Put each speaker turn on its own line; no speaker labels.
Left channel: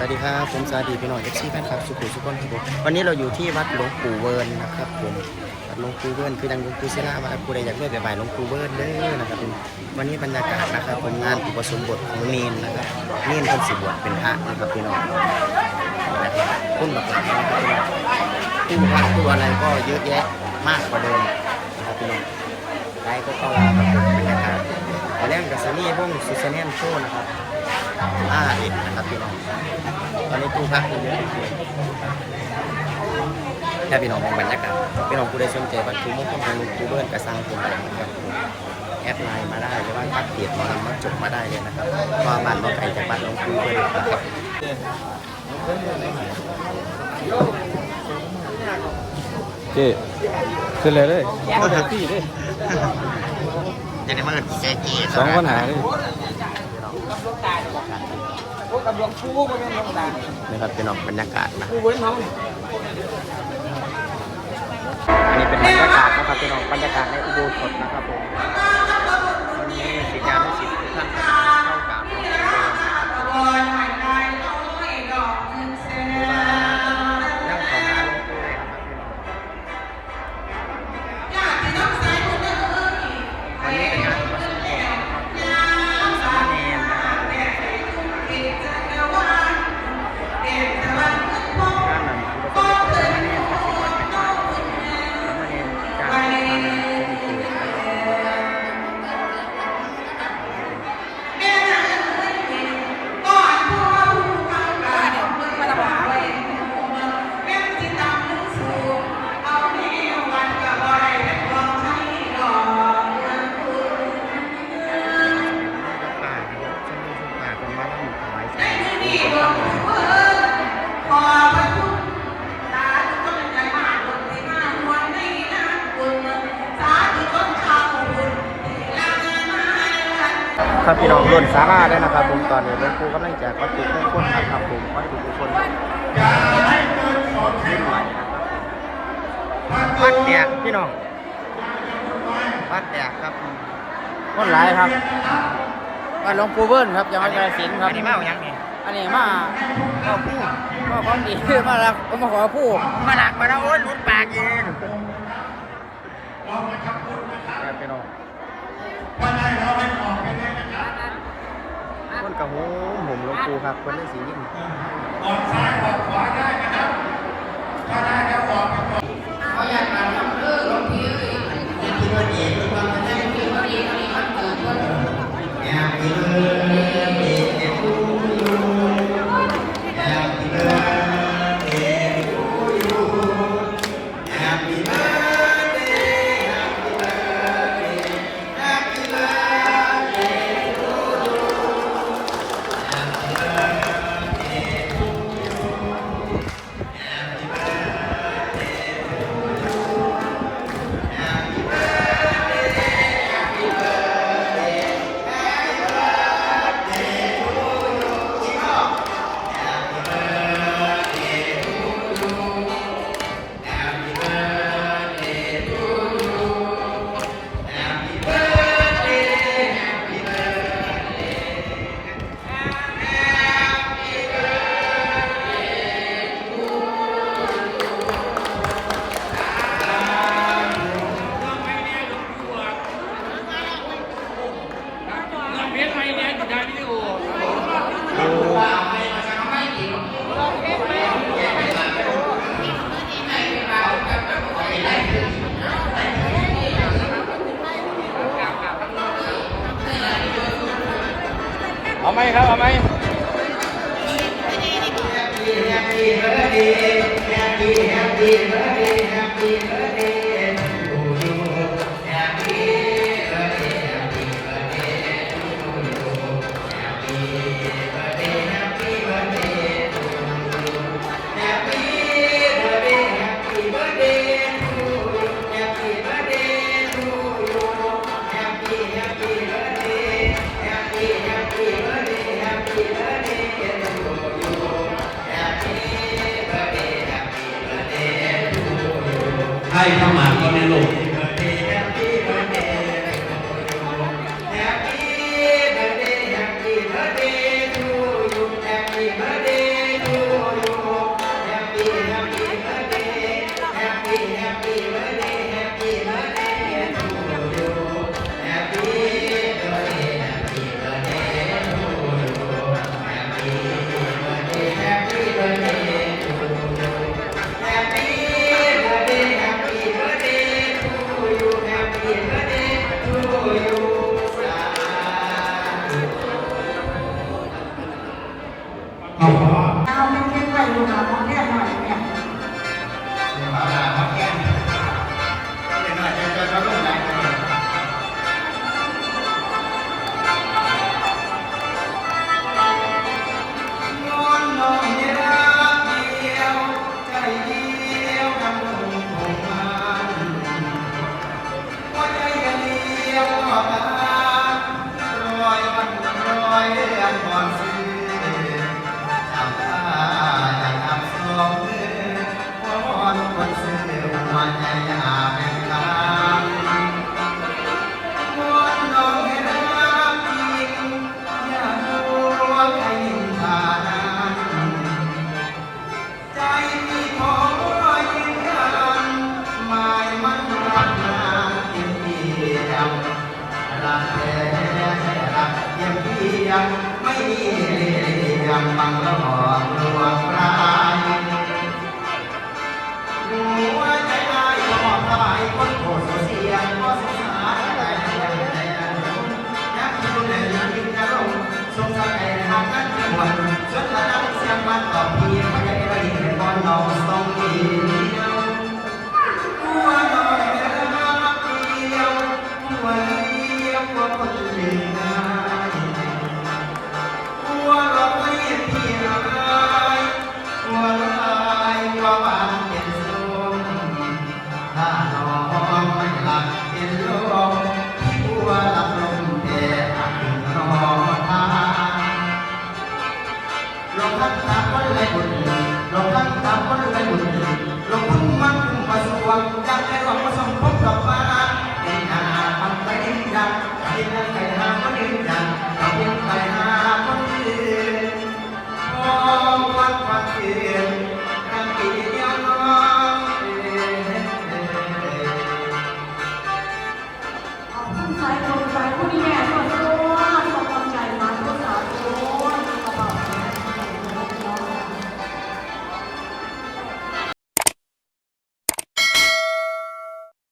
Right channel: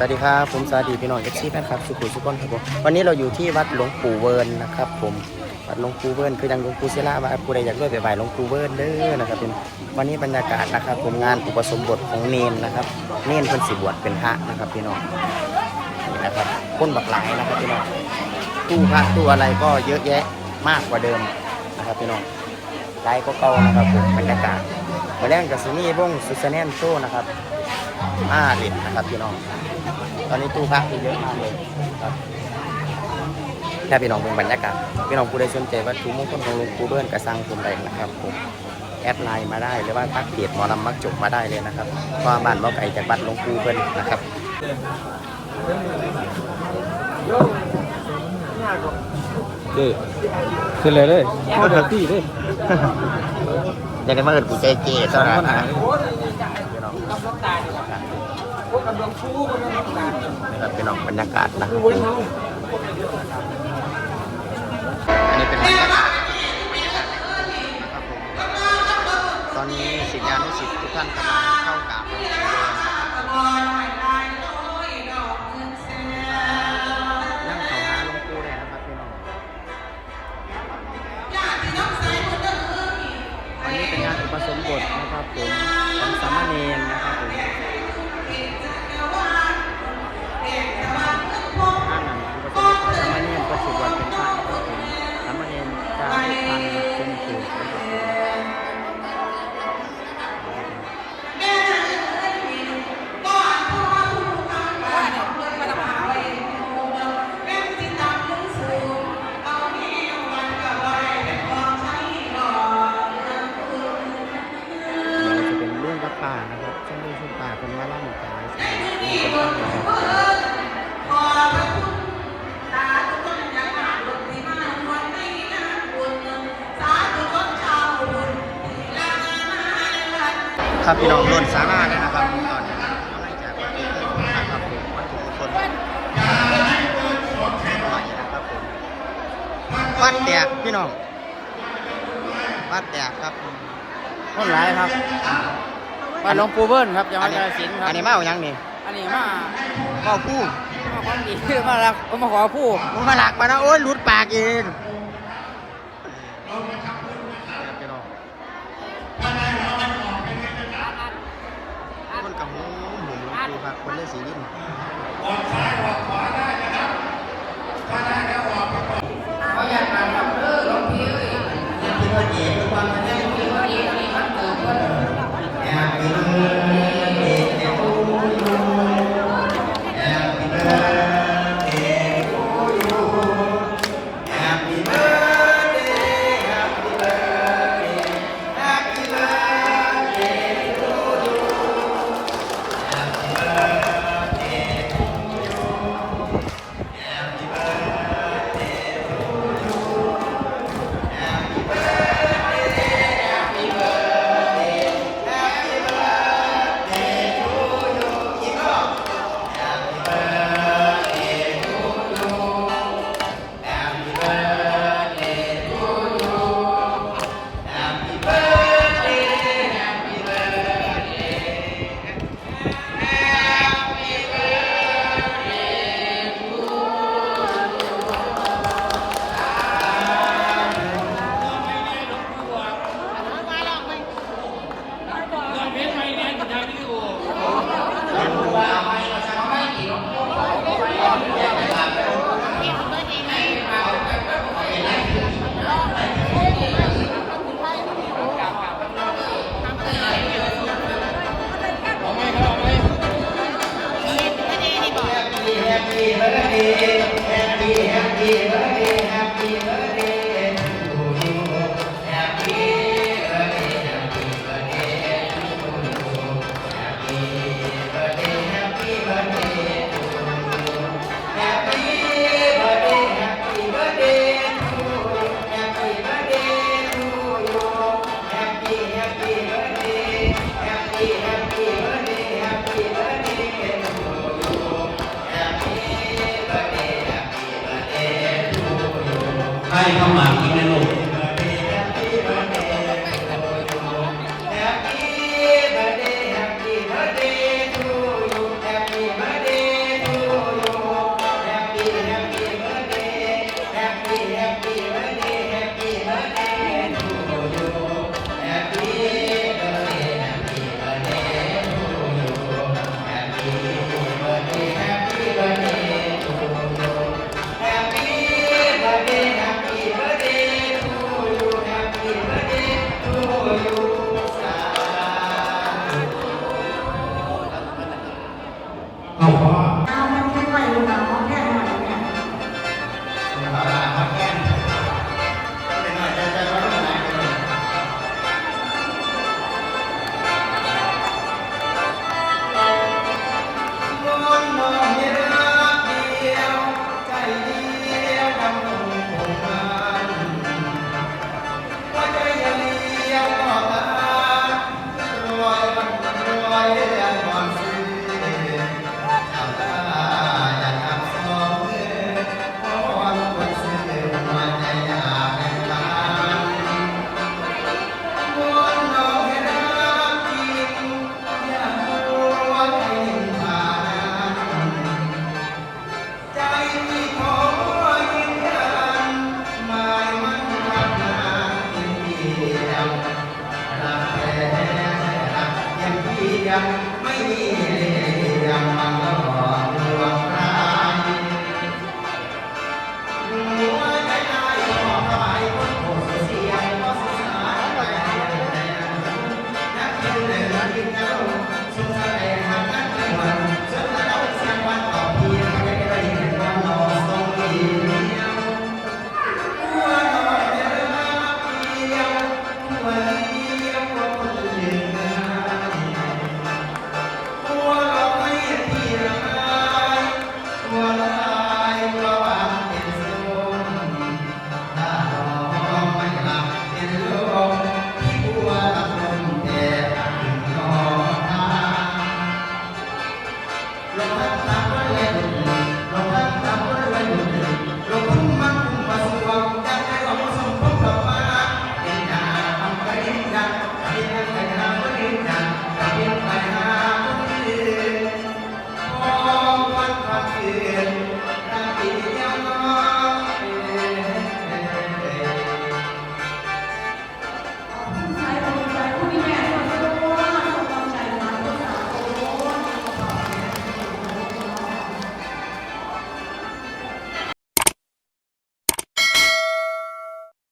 สวัสดีครับ ผมสวัสดีพี่น้องเอฟซีแฟนคลับสุขุมสุขคนครับผมวันนี้เราอยู่ที่วัดหลวงปู่เวิร์นนะครับผมวัดหลวงปู่เวิร์นคือดังหลวงปู่ศิลาว่าผู้ใดอยากด้วยไปไหว้หลวงปู่เวิร์นเด้อนะครับเป็นวันนี้บรรยากาศนะครับผมงานอุปสมบทของเนนนะครับเนนเพิ่นสิบวชเป็นพระนะครับพี่น้องนี่นะครับคนบักหลายนะครับพี่น้องตู้พระตู้อะไรก็เยอะแยะมากกว่าเดิมนะครับพี่น้องไลฟ์ก็เก่านะครับผมบรรยากาศวันแรกกับซีนี่วงซูซานแนนโชนะครับ ห้าเหรียญนะครับพี่น้อง ตอนนี้ตู้พักเยอะมากเลยครับถ้าพี่น้องเป็นบรรยากาศพี่น้องผู้ใดสนใจวัตถุมงคลของหลุงปู่เบิ้ลกระสังคุณใดนะครับผมแอดไลน์มาได้หรือว่าทักเพจหมอลำมักจกมาได้เลยนะครับเพราะว่าบ้านบ่ไก่จากบ้านหลวงปู่เบิ้ลนะครับ
เจ้ขึ้นเลยเลยเข้าแท็กซี่เลย
อยากได้มาเอิดกูใจเจ
สองปัญหาเลย
พี่น้อง นะครับพี่น้องบรรยากาศนะ อันนี้เป็นบรรยากาศนะครับพี่น้องบรรยากาศในอุโบสถนะครับผม ตอนนี้ศิษยานุศิษย์ทุกท่านกำลังเข้ากราบหลวงปู่เดินนะครับางลูกชุมป่าเป็นมาล่ำถวายสายมีคนตั้งหลายครับพี่น้องล้นสาราเลยนะครับผมตอนนี้หลวงปู่กำลังแจกวัตถุมงคลนะครับผมวัตถุมงคลรุ่นใหม่นะครับผมวัดแตกพี่น้องวัดแตกครับ
คนหลายครับ บ้านหลวงปู่เบิ้ลครับจังหวัดกาฬสินธุ์ครับ
อันนี้มาเอายังนี่
อันนี้มา
เข้าคู่
มาของดีมารักมาขอผู้
มึงมาหลักมานะโอ้ยหลุดปากเองครับพี่น้องคนกระหูผมหลวงปู่ครับคนได้สีวิน
เอา ไหมครับ เอาไหม
ให้เข้ามาที่
Lord. รักแท้แท้รักยไม่มีเลียมบังระหอดวงพระ